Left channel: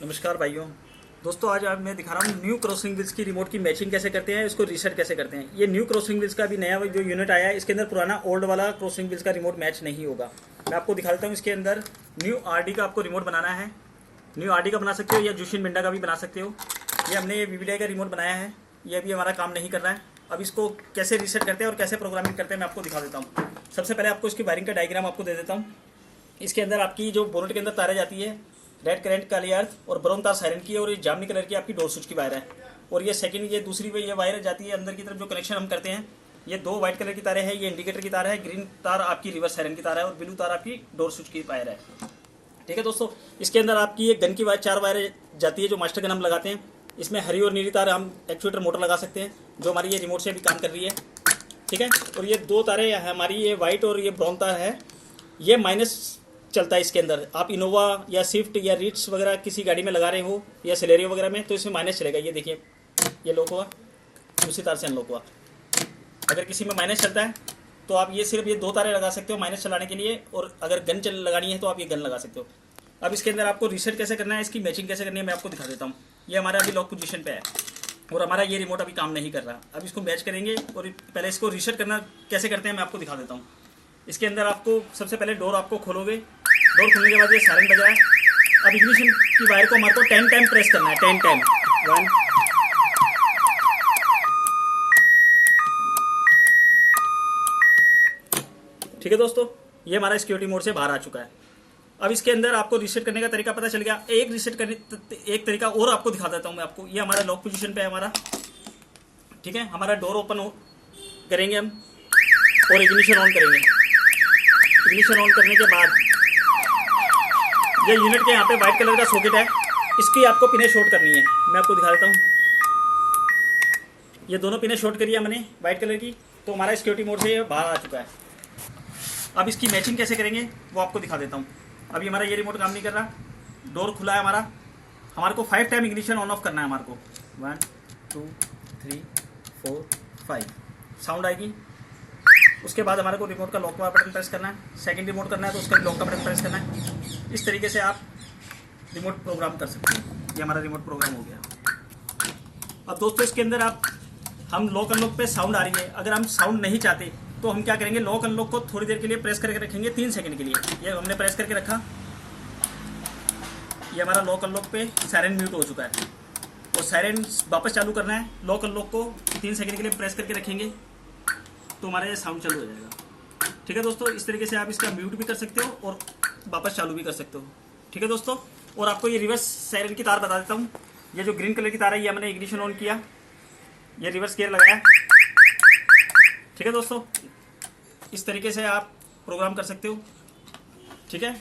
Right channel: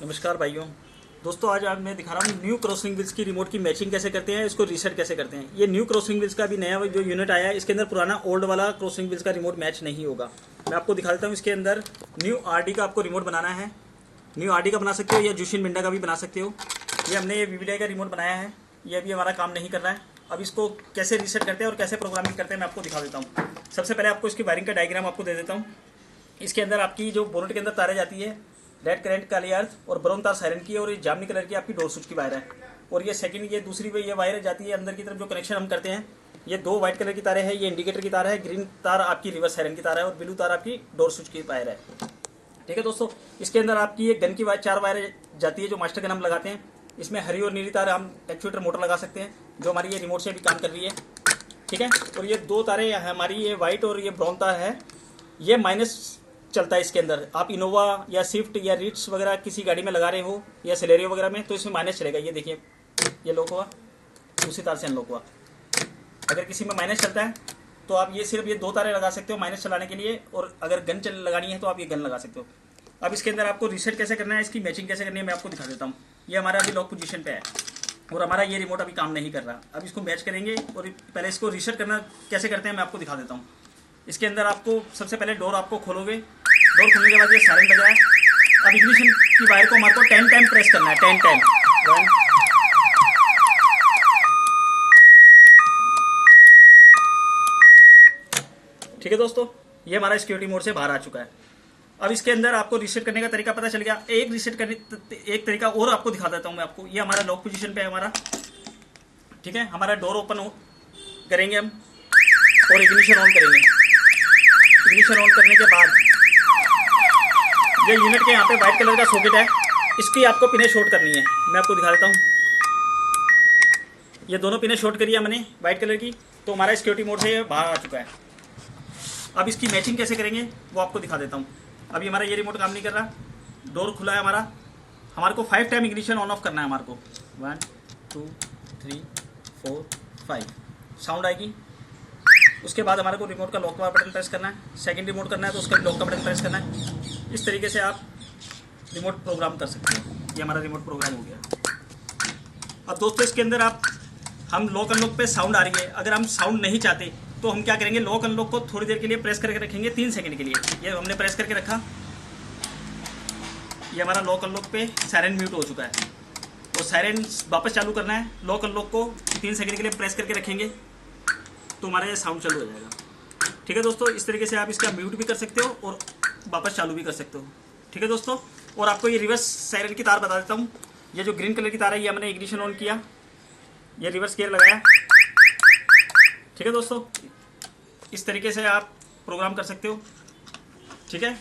नमस्कार भाइयों। दोस्तों आज मैं दिखा रहा हूँ न्यू क्रॉसिंग व्हील्स की रिमोट की मैचिंग कैसे करते हैं, इसको रीसेट कैसे करते हैं। ये न्यू क्रॉसिंग व्हील्स का भी नया जो यूनिट आया है, इसके अंदर पुराना ओल्ड वाला क्रॉसिंग व्हील्स का रिमोट मैच नहीं होगा। मैं आपको दिखा देता हूँ। इसके अंदर न्यू आरडी का आपको रिमोट बनाना है। न्यू आरडी का बना सकते हो या जुशिन मिंडा का भी बना सकते हो। ये हमने ये वीवीडीआई का रिमोट बनाया है, ये अभी हमारा काम नहीं कर रहा है। अब इसको कैसे रीसेट करते हैं और कैसे प्रोग्रामिंग करते हैं मैं आपको दिखा देता हूँ। सबसे पहले आपको इसकी वायरिंग का डायग्राम आपको दे देता हूँ। इसके अंदर आपकी जो बोनट के अंदर तारें जाती है, रेड करंट काली अर्थ और ब्राउन तार सायरन की है, और ये जामनी कलर की आपकी डोर स्विच की वायर है। और ये सेकंड ये दूसरी ये वायर जाती है अंदर की तरफ, जो कनेक्शन हम करते हैं। ये दो व्हाइट कलर की तारें हैं, ये इंडिकेटर की तार है, ग्रीन तार आपकी रिवर्स सायरन की तार है और ब्लू तार आपकी डोर स्विच की वायर है। ठीक है दोस्तों, इसके अंदर आपकी ये गन की वायर 4 वायर जाती है जो मास्टर गन हम लगाते हैं। इसमें हरी और नीली तार हम एक्चुएटर मोटर लगा सकते हैं, जो हमारी ये रिमोट से भी काम कर रही है। ठीक है, और ये 2 तारें हमारी ये व्हाइट और ये ब्राउन तार है, ये माइनस चलता है इसके अंदर। आप इनोवा या स्विफ्ट या रीट्स वगैरह किसी गाड़ी में लगा रहे हो या सेलेरियो वगैरह में, तो इसमें माइनस चलेगा। ये देखिए, ये लॉक हुआ, दूसरी तार से अनलॉक हुआ। अगर किसी में माइनस चलता है तो आप ये सिर्फ ये 2 तारें लगा सकते हो माइनस चलाने के लिए, और अगर गन लगानी है तो आप ये गन लगा सकते हो। अब इसके अंदर आपको रीसेट कैसे करना है, इसकी मैचिंग कैसे करनी है मैं आपको दिखा देता हूँ। ये हमारा अभी लॉक पोजीशन पे है और हमारा ये रिमोट अभी काम नहीं कर रहा। अब इसको मैच करेंगे और पहले इसको रीसेट करना कैसे करते हैं मैं आपको दिखा देता हूँ। इसके अंदर आपको सबसे पहले डोर आपको खोलोगे। डोर खोलने के बाद ये सायरन बज रहा है। अब इग्निशन की वायर को हमारे को 10 टाइम प्रेस करना है। 10 टाइम 1 ठीक है दोस्तों, ये हमारा सिक्योरिटी मोड से बाहर आ चुका है। अब इसके अंदर आपको रीसेट करने का तरीका पता चल गया। एक तरीका और आपको दिखा देता हूं मैं आपको। ये हमारा लॉक पोजीशन पे है हमारा। ठीक है, हमारा डोर ओपन करेंगे हम और इग्निशन ऑन करेंगे। इग्निशन ऑन करने के बाद ये यूनिट के यहाँ पे व्हाइट कलर का सॉकेट है, इसकी आपको पिने शॉर्ट करनी है। मैं आपको दिखा देता हूँ। ये दोनों पिने शॉर्ट करी है मैंने व्हाइट कलर की, तो हमारा सिक्योरिटी मोड से बाहर आ चुका है। अब इसकी मैचिंग कैसे करेंगे वो आपको दिखा देता हूँ। अभी हमारा ये रिमोट काम नहीं कर रहा, डोर खुला है हमारा। हमारे को 5 टाइम इग्निशन ऑन ऑफ करना है हमारे को। 1 2 3 4 5 साउंड आएगी। उसके बाद हमारे को रिमोट का लॉक का बटन प्रेस करना है। सेकंड रिमोट करना है तो उसका लॉक का बटन प्रेस करना है। इस तरीके से आप रिमोट प्रोग्राम कर सकते हैं। ये हमारा रिमोट प्रोग्राम हो गया। अब दोस्तों इसके अंदर हम लॉक अनलॉक पे साउंड आ रही है। अगर हम साउंड नहीं चाहते तो हम क्या करेंगे, लॉक अनलॉक को थोड़ी देर के लिए प्रेस करके रखेंगे, 3 सेकंड के लिए। ये हमने प्रेस करके रखा, ये हमारा लॉक अनलॉक पे सायरन म्यूट हो चुका है और सायरन वापस चालू करना है। लॉक अनलॉक को 3 सेकंड के लिए प्रेस करके रखेंगे तो हमारा ये साउंड चालू हो जाएगा। ठीक है दोस्तों, इस तरीके से आप इसका म्यूट भी कर सकते हो और वापस चालू भी कर सकते हो। ठीक है दोस्तों, और आपको ये रिवर्स सायरन की तार बता देता हूँ। ये जो ग्रीन कलर की तार है, ये हमने इग्निशन ऑन किया, ये रिवर्स गियर लगाया। ठीक है दोस्तों, इस तरीके से आप प्रोग्राम कर सकते हो। ठीक है।